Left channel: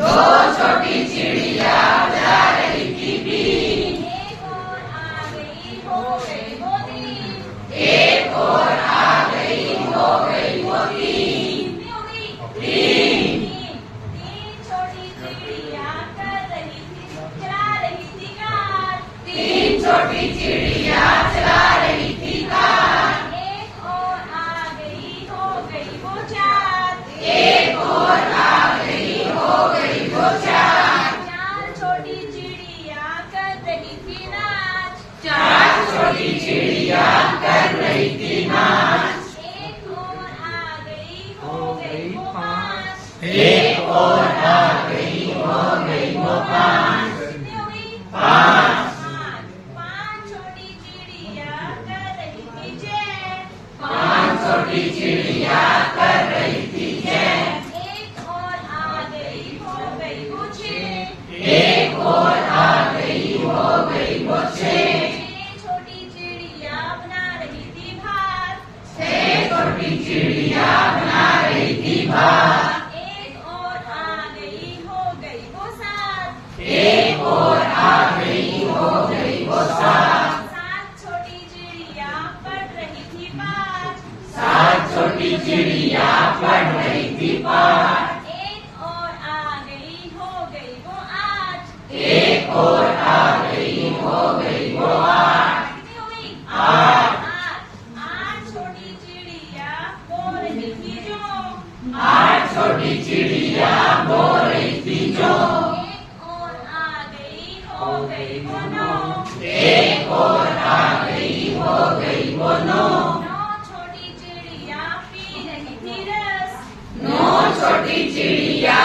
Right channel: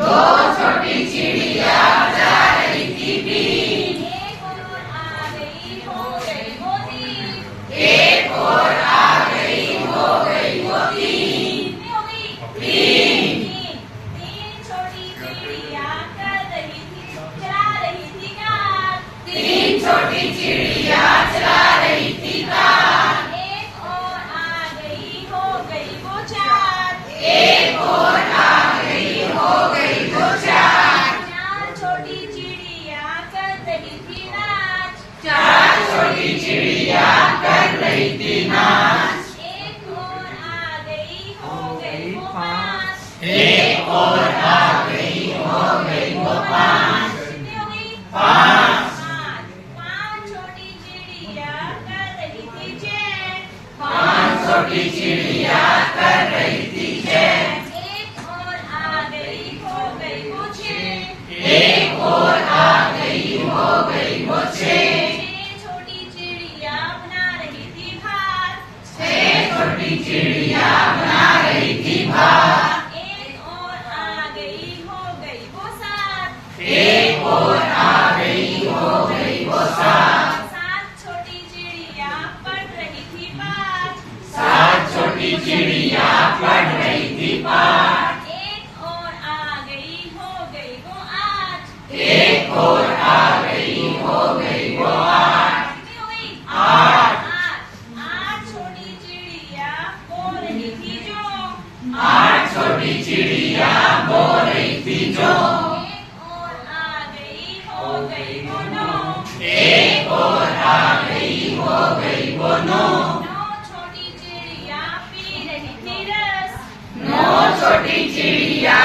दो छोटी चिड़िया जा रही थी बीन। एक और आ गई हो गई वो तीन। एक और आ गई हो गई वो तीन। कितनी हो गई? तीन। तीन छोटी चिड़िया कर रही थी चला रही थी कार। तीन छोटी चिड़िया चला रही थी कार। एक और आ गई हो गई वो चार। एक और आ गई हो गई वो चार। चार छोटी चिड़िया कर रही थी नाच। चार छोटी चिड़िया कर रही थी नाच। एक और आ गई हो गई वो पाँच। एक और आ गई हो गई वो पाँच। कितनी हो गई? पाँच। पाँच छोटी चिड़िया कर रही थी जय। पाँच छोटी चिड़िया कर रही थी जय। एक और आ गई हो गई वो छः। एक और आ गई हो गई वो छः। छः छोटी चिड़िया बना रही थी भार। छः छोटी चिड़िया बना रही थी भार। एक और आ गई हो गई वो सात। एक और आ गई हो गई वो सात। सात छोटी चिड़िया पढ़ रही थी पाठ। सात छोटी चिड़िया पढ़ रही थी पाठ। एक और आ गई हो गई वो आठ। एक और आ गई हो गई वो आठ। कितनी हो गई? आठ। आठ छोटी चिड़िया बोल रही थी जो। आठ छोटी चिड़िया बोल रही थी जो। एक और आ गई हो गई वो नौ। एक और आ गई हो गई वो नौ। नौ छोटी चिड़िया पी रही थी रस। नौ छोटी चिड़िया